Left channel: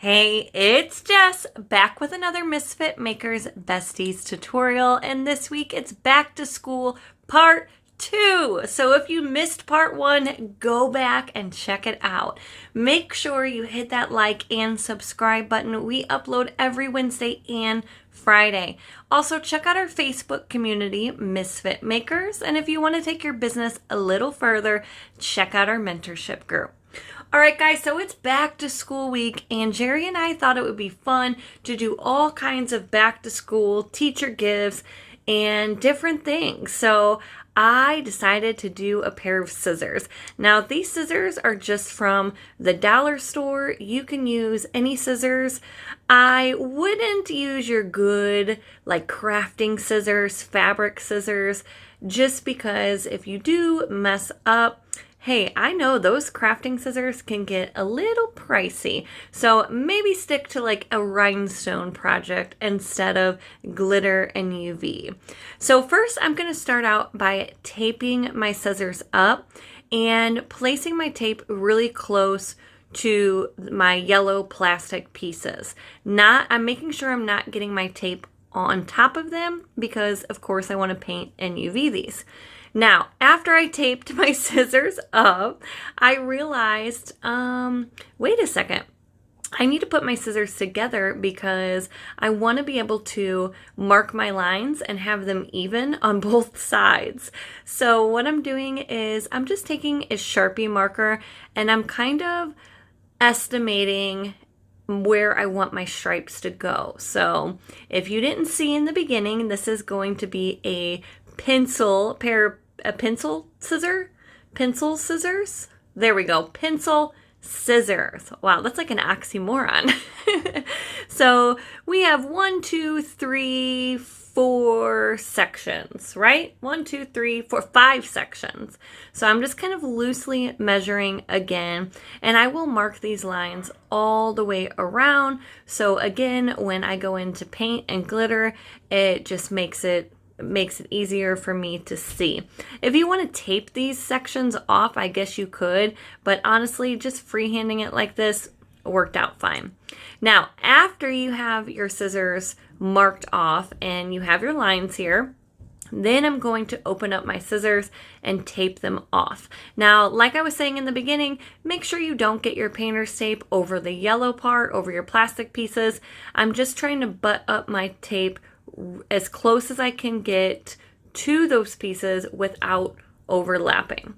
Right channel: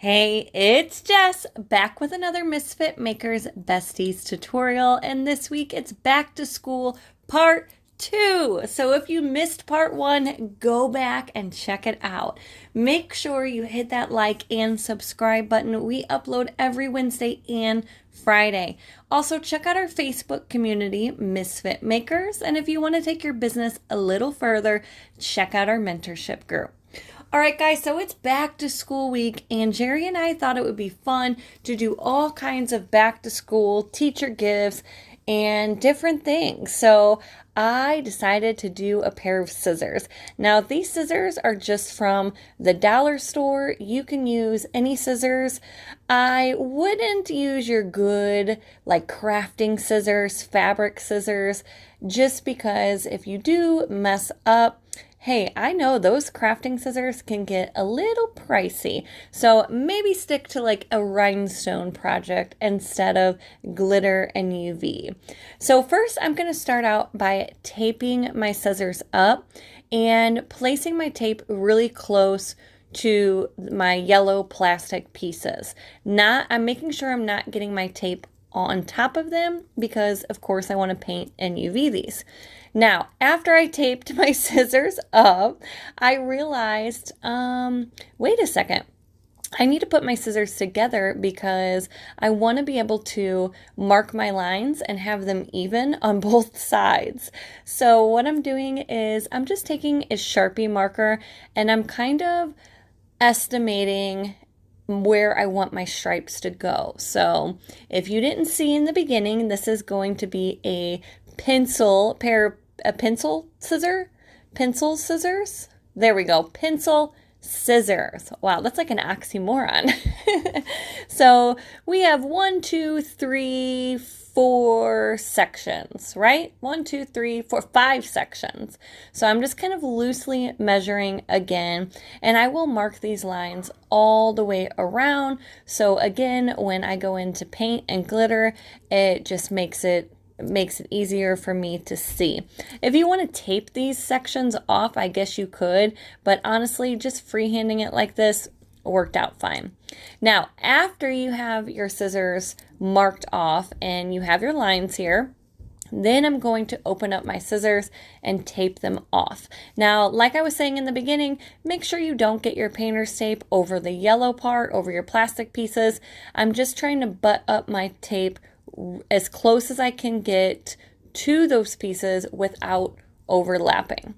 Hey, it's Jess, back with another Misfit Makers Besties tutorial, and this week it's back to school part 2. So if you missed part 1, go back and check it out. Make sure you hit that like and subscribe button. We upload every Wednesday and Friday. Also, check out our Facebook community, Misfit Makers, and if you want to take your business a little further, check out our mentorship group. All right, guys, so it's back to school week, and Jerry and I thought it would be fun to do all kinds of back to school teacher gifts and different things. So I decided to do a pair of scissors. Now, these scissors are just from the dollar store. You can use any scissors. I wouldn't use your good, like, crafting scissors, fabric scissors, just because if you do mess up, hey, I know those crafting scissors can get a little pricey, so maybe stick to like a rhinestone project instead of glitter and UV. So first I'm going to start out by taping my scissors up and placing my tape really close to my yellow plastic pieces. I'm making sure I'm not getting my tape on top of them because of course I want to paint and UV these. Now, after I taped my scissors up, I realized, wait a second, I need to put my scissors together because I want to be able to mark my lines and have them even on both sides. So what I'm doing is I'm just taking a Sharpie marker and I'm kind of estimating where I want my stripes to go. So if you didn't see in the beginning, this is going to be a pencil scissors. There we go. Pencil scissors. Wow, that's like an oxymoron. So we have 1, 2, 3, 4 sections, right? 1, 2, 3, 4, 5 sections. So I'm just kind of loosely measuring again, and I will mark these lines all the way around. So again, when I go into paint and glitter, it just makes it easier for me to see. If you want to tape these sections off, I guess you could, but honestly, just freehanding it like this worked out fine. Now, after you have your scissors marked off and you have your lines here, then I'm going to open up my scissors and tape them off. Now, like I was saying in the beginning, make sure you don't get your painter's tape over the yellow part, over your plastic pieces. I'm just trying to butt up my tape as close as I can get to those pieces without overlapping.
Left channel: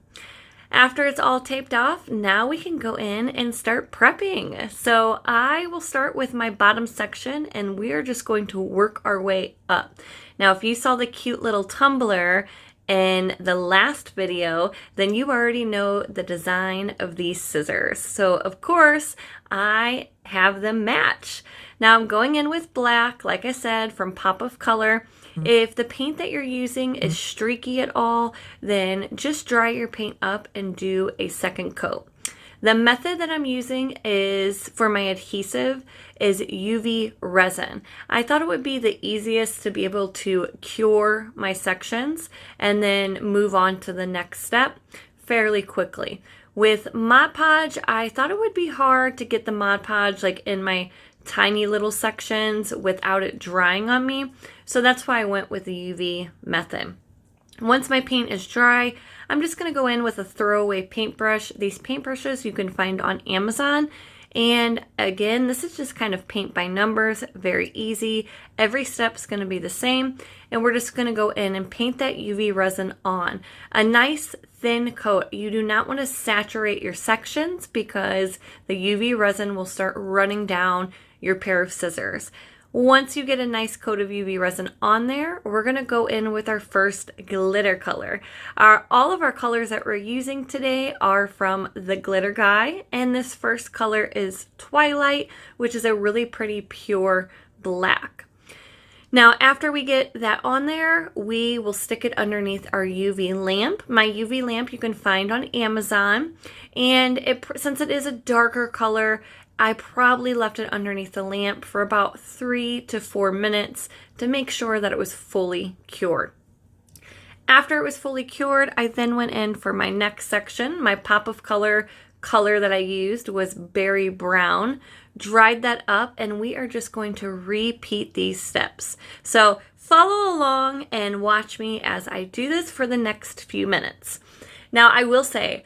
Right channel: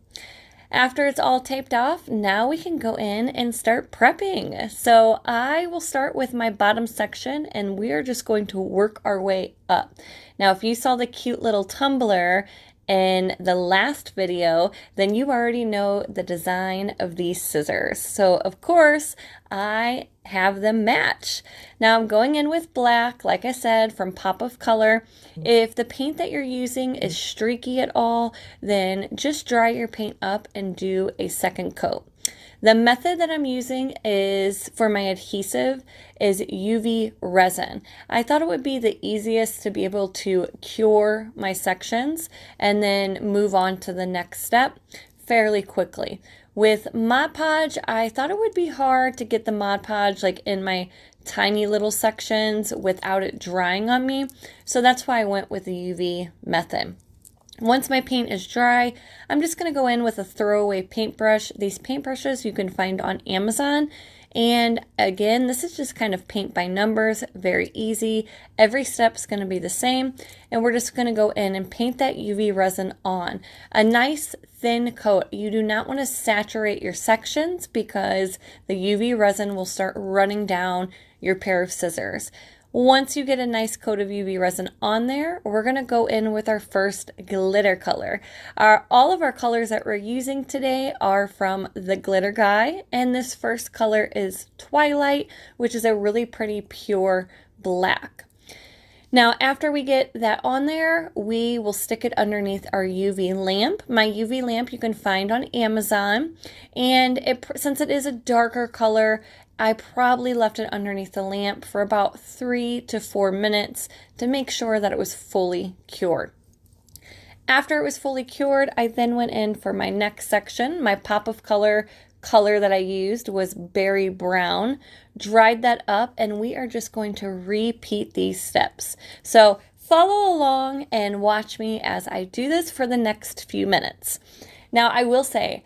After it's all taped off, now we can go in and start prepping. So I will start with my bottom section and we are just going to work our way up. Now, if you saw the cute little tumbler in the last video, then you already know the design of these scissors. So of course, I have them match. Now I'm going in with black, like I said, from Pop of Color. If the paint that you're using is streaky at all, then just dry your paint up and do a second coat. The method that I'm using is for my adhesive is UV resin. I thought it would be the easiest to be able to cure my sections and then move on to the next step fairly quickly. With Mod Podge, I thought it would be hard to get the Mod Podge like in my tiny little sections without it drying on me. So that's why I went with the UV method. Once my paint is dry, I'm just going to go in with a throwaway paintbrush. These paintbrushes you can find on Amazon. And again, this is just kind of paint by numbers, very easy. Every step's going to be the same. And we're just going to go in and paint that UV resin on. A nice thin coat. You do not want to saturate your sections because the UV resin will start running down your pair of scissors. Once you get a nice coat of UV resin on there, we're going to go in with our first glitter color. All of our colors that we're using today are from the Glitter Guy, and this first color is Twilight, which is a really pretty pure black. Now, after we get that on there, we will stick it underneath our UV lamp. My UV lamp you can find on Amazon, and since it is a darker color, I probably left it underneath the lamp for about 3 to 4 minutes to make sure that it was fully cured. After it was fully cured, I then went in for my next section. My Pop of Color that I used was berry brown dried that up, and we are just going to repeat these steps. So follow along and watch me as I do this for the next few minutes. Now, I will say,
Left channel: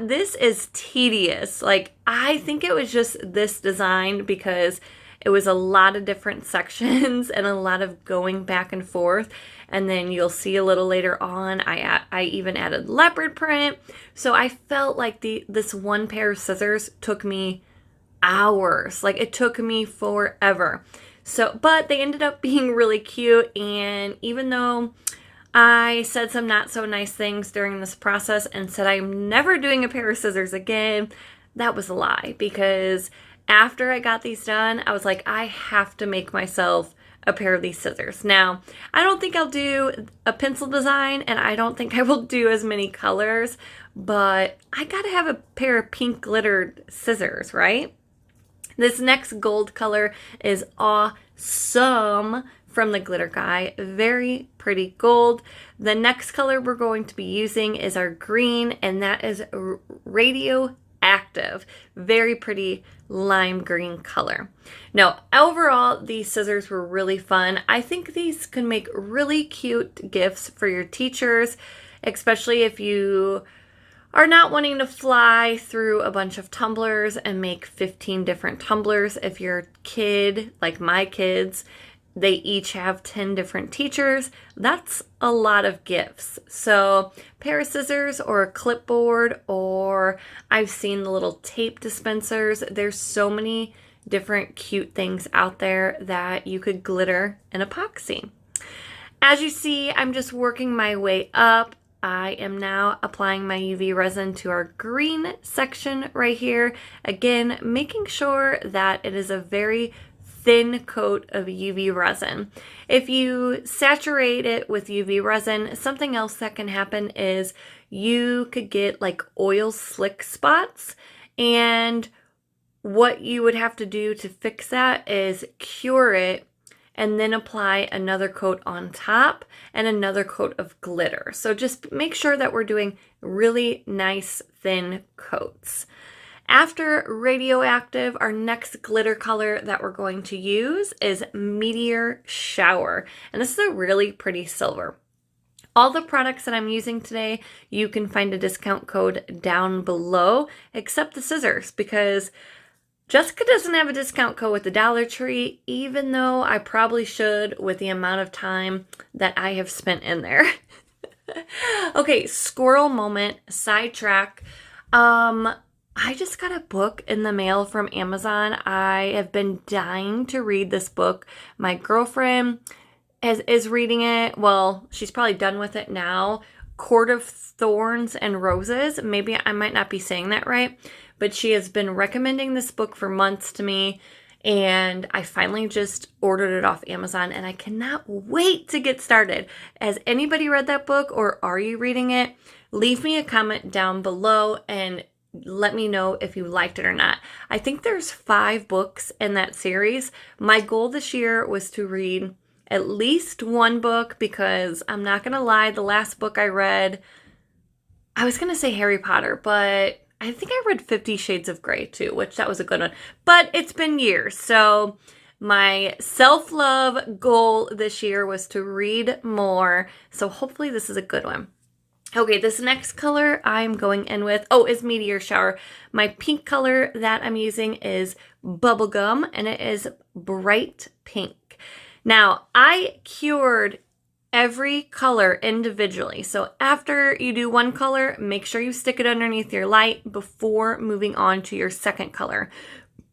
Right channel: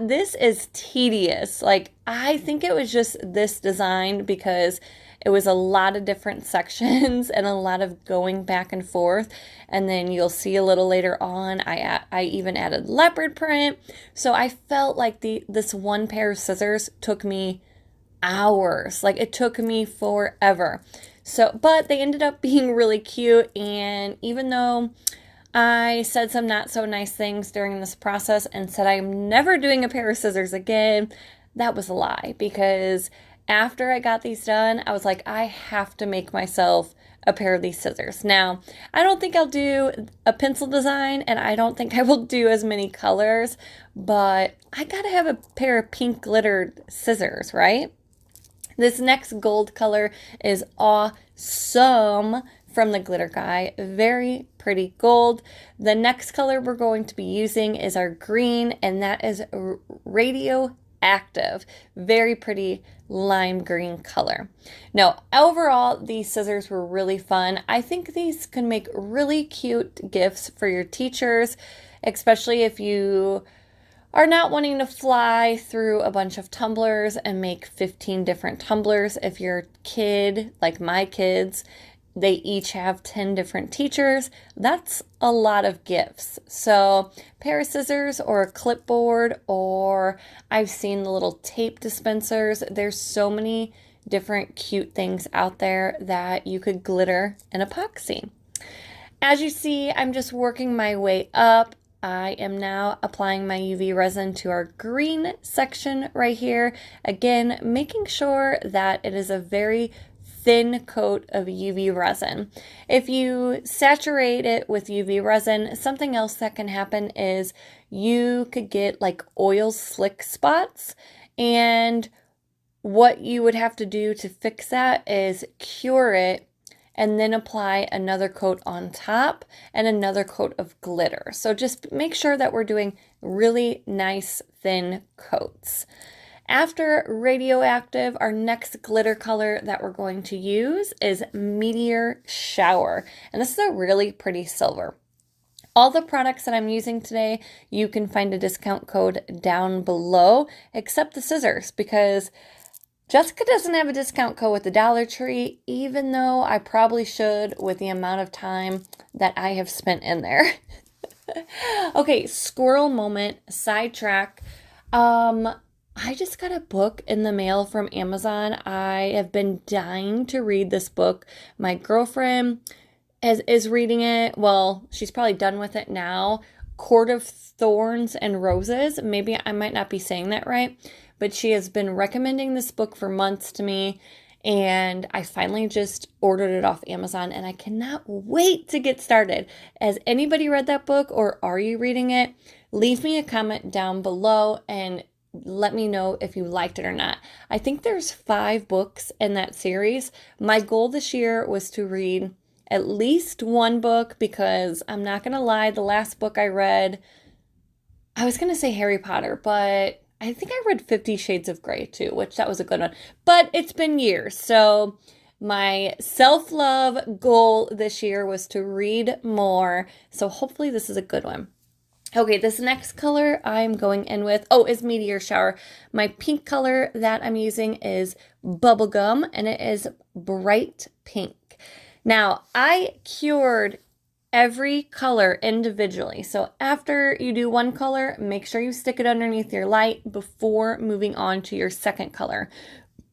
this is tedious. Like, I think it was just this design because it was a lot of different sections and a lot of going back and forth. And then you'll see a little later on, I even added leopard print. So I felt like this one pair of scissors took me hours. Like, it took me forever. So, but they ended up being really cute. And even though I said some not so nice things during this process and said I'm never doing a pair of scissors again, that was a lie, because after I got these done, I was like, I have to make myself a pair of these scissors. Now, I don't think I'll do a pencil design, and I don't think I will do as many colors, but I gotta have a pair of pink glittered scissors, right? This next gold color is awesome from the Glitter Guy. Very pretty gold. The next color we're going to be using is our green, and that is Radioactive. Very pretty lime green color. Now, overall, these scissors were really fun. I think these can make really cute gifts for your teachers, especially if you are not wanting to fly through a bunch of tumblers and make 15 different tumblers. If your kid, like my kids, they each have 10 different teachers, that's a lot of gifts. So pair of scissors or a clipboard, or I've seen the little tape dispensers. There's so many different cute things out there that you could glitter and epoxy. As you see, I'm just working my way up. I am now applying my UV resin to our green section right here. Again, making sure that it is a very thin coat of UV resin. If you saturate it with UV resin, something else that can happen is you could get like oil slick spots, and what you would have to do to fix that is cure it and then apply another coat on top and another coat of glitter. So just make sure that we're doing really nice thin coats. After Radioactive, our next glitter color that we're going to use is Meteor Shower. And this is a really pretty silver. All the products that I'm using today, you can find a discount code down below, except the scissors, because Jessica doesn't have a discount code with the Dollar Tree, even though I probably should with the amount of time that I have spent in there. Okay, squirrel moment, sidetrack. I just got a book in the mail from Amazon. I have been dying to read this book. My girlfriend is reading it. Well, she's probably done with it now. Court of Thorns and Roses. Maybe I might not be saying that right, but she has been recommending this book for months to me, and I finally just ordered it off Amazon, and I cannot wait to get started. Has anybody read that book, or are you reading it? Leave me a comment down below and let me know if you liked it or not. I think there's 5 books in that series. My goal this year was to read at least 1 book, because I'm not going to lie, the last book I read, I was going to say Harry Potter, but I think I read 50 Shades of Grey too, which that was a good one. But it's been years, so my self-love goal this year was to read more, so hopefully this is a good one. Okay, this next color I'm going in with, is Meteor Shower. My pink color that I'm using is Bubblegum, and it is bright pink. Now, I cured every color individually. So after you do one color, make sure you stick it underneath your light before moving on to your second color.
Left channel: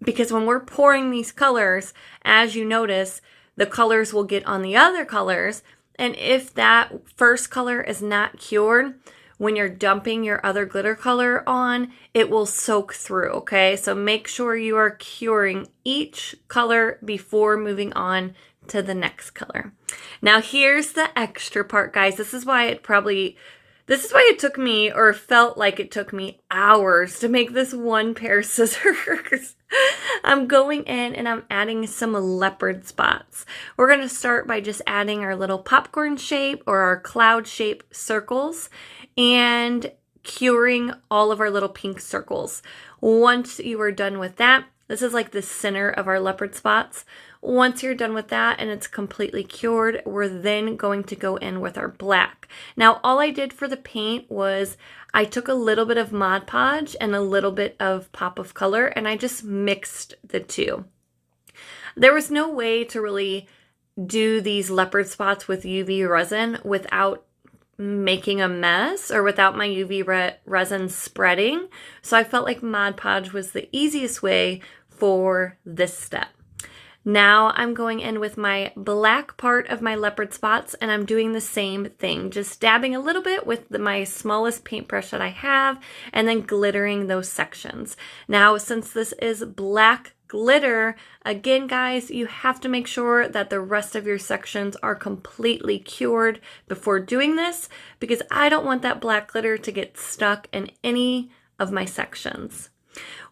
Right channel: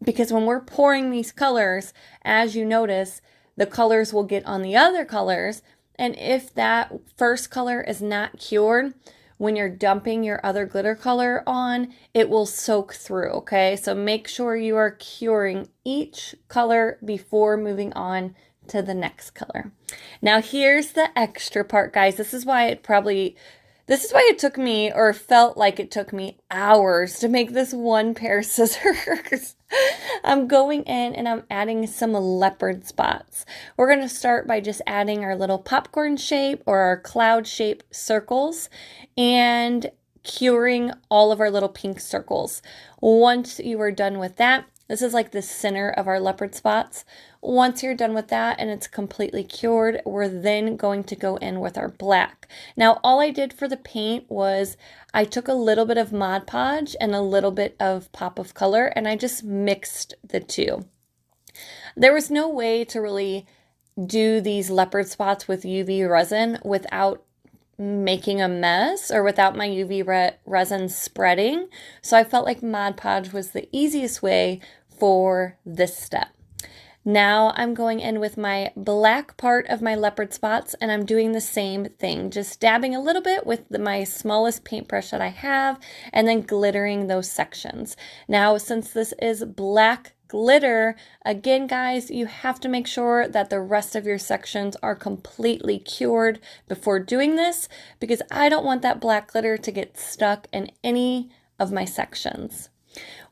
Because when we're pouring these colors, as you notice, the colors will get on the other colors. And if that first color is not cured, when you're dumping your other glitter color on, it will soak through, okay? So make sure you are curing each color before moving on to the next color. Now here's the extra part, guys. This is why it took me, or felt like it took me, hours to make this one pair of scissors. I'm going in and I'm adding some leopard spots. We're going to start by just adding our little popcorn shape or our cloud shape circles and curing all of our little pink circles. Once you are done with that, this is like the center of our leopard spots. Once you're done with that and it's completely cured, we're then going to go in with our black. Now, all I did for the paint was I took a little bit of Mod Podge and a little bit of Pop of Color, and I just mixed the two. There was no way to really do these leopard spots with UV resin without making a mess or without my UV resin spreading. So I felt like Mod Podge was the easiest way for this step. Now I'm going in with my black part of my leopard spots, and I'm doing the same thing, just dabbing a little bit with my smallest paintbrush that I have and then glittering those sections. Now, since this is black glitter, again, guys, you have to make sure that the rest of your sections are completely cured before doing this, because I don't want that black glitter to get stuck in any of my sections.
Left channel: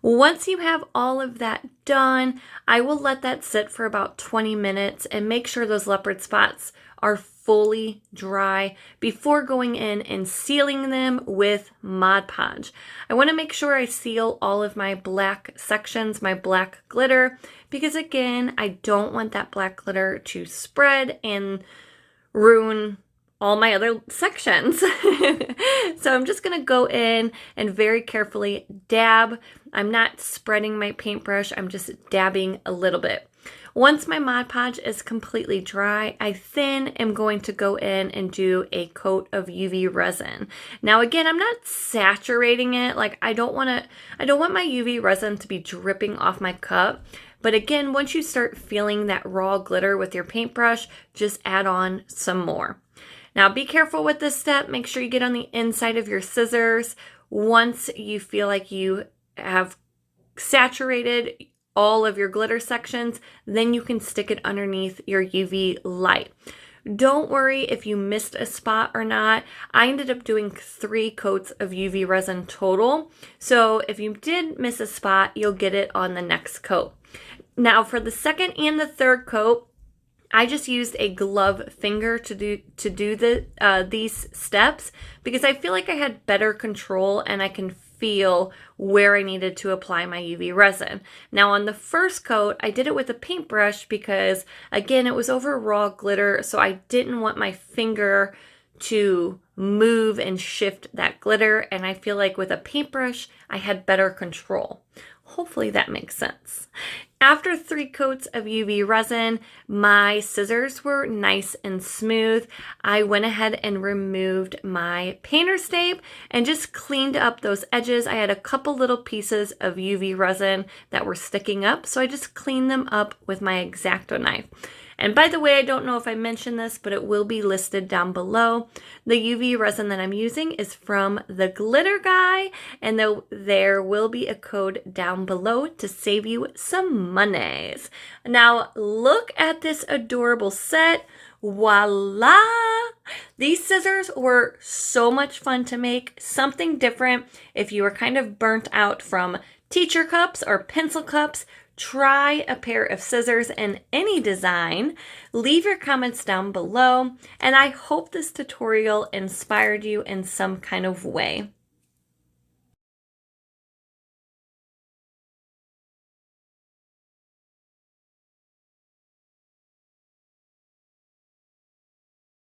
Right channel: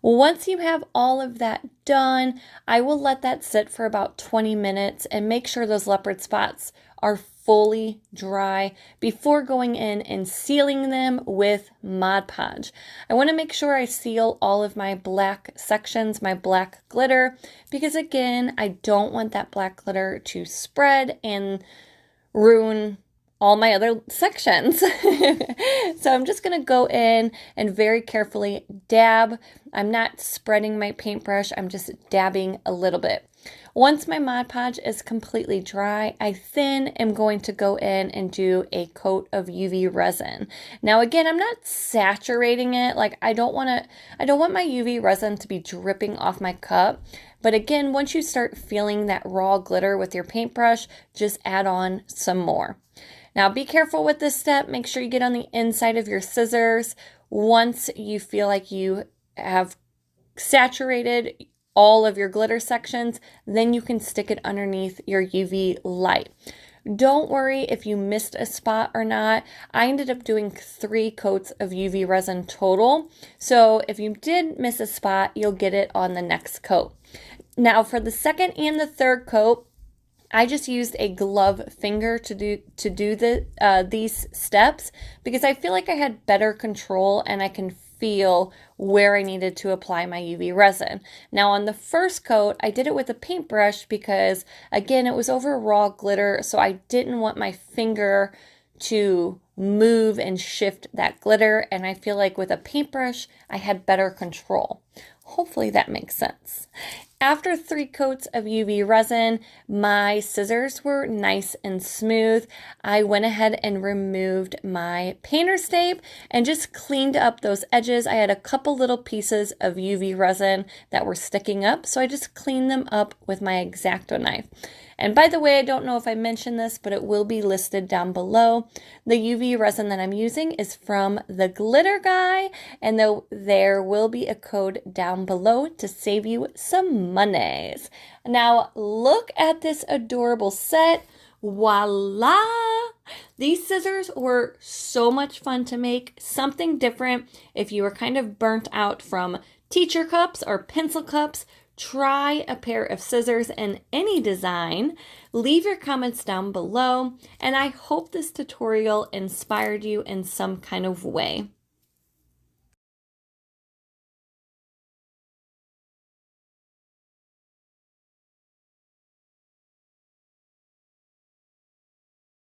Once you have all of that done, I will let that sit for about 20 minutes and make sure those leopard spots are fully dry before going in and sealing them with Mod Podge. I want to make sure I seal all of my black sections, my black glitter, because again, I don't want that black glitter to spread and ruin all my other sections. So I'm just going to go in and very carefully dab. I'm not spreading my paintbrush, I'm just dabbing a little bit. Once my Mod Podge is completely dry, I then am going to go in and do a coat of UV resin. Now again, I'm not saturating it. Like I don't want my UV resin to be dripping off my cup. But again, once you start feeling that raw glitter with your paintbrush, just add on some more. Now be careful with this step. Make sure you get on the inside of your scissors. Once you feel like you have saturated all of your glitter sections, then you can stick it underneath your UV light. Don't worry if you missed a spot or not. I ended up doing 3 coats of UV resin total. So if you did miss a spot, you'll get it on the next coat. Now for the second and the third coat, I just used a glove finger to do these steps because I feel like I had better control and I can feel where I needed to apply my UV resin. Now on the first coat, I did it with a paintbrush because again, it was over raw glitter, so I didn't want my finger to move and shift that glitter, and I feel like with a paintbrush, I had better control. Hopefully that makes sense. After 3 coats of UV resin, my scissors were nice and smooth. I went ahead and removed my painter's tape and just cleaned up those edges. I had a couple little pieces of UV resin that were sticking up, so I just cleaned them up with my X-Acto knife. And by the way, I don't know if I mentioned this, but it will be listed down below. The UV resin that I'm using is from the Glitter Guy, and there will be a code down below to save you some monies. Now, look at this adorable set. Voila! These scissors were so much fun to make, something different. If you were kind of burnt out from teacher cups or pencil cups, try a pair of scissors in any design. Leave your comments down below, and I hope this tutorial inspired you in some kind of way.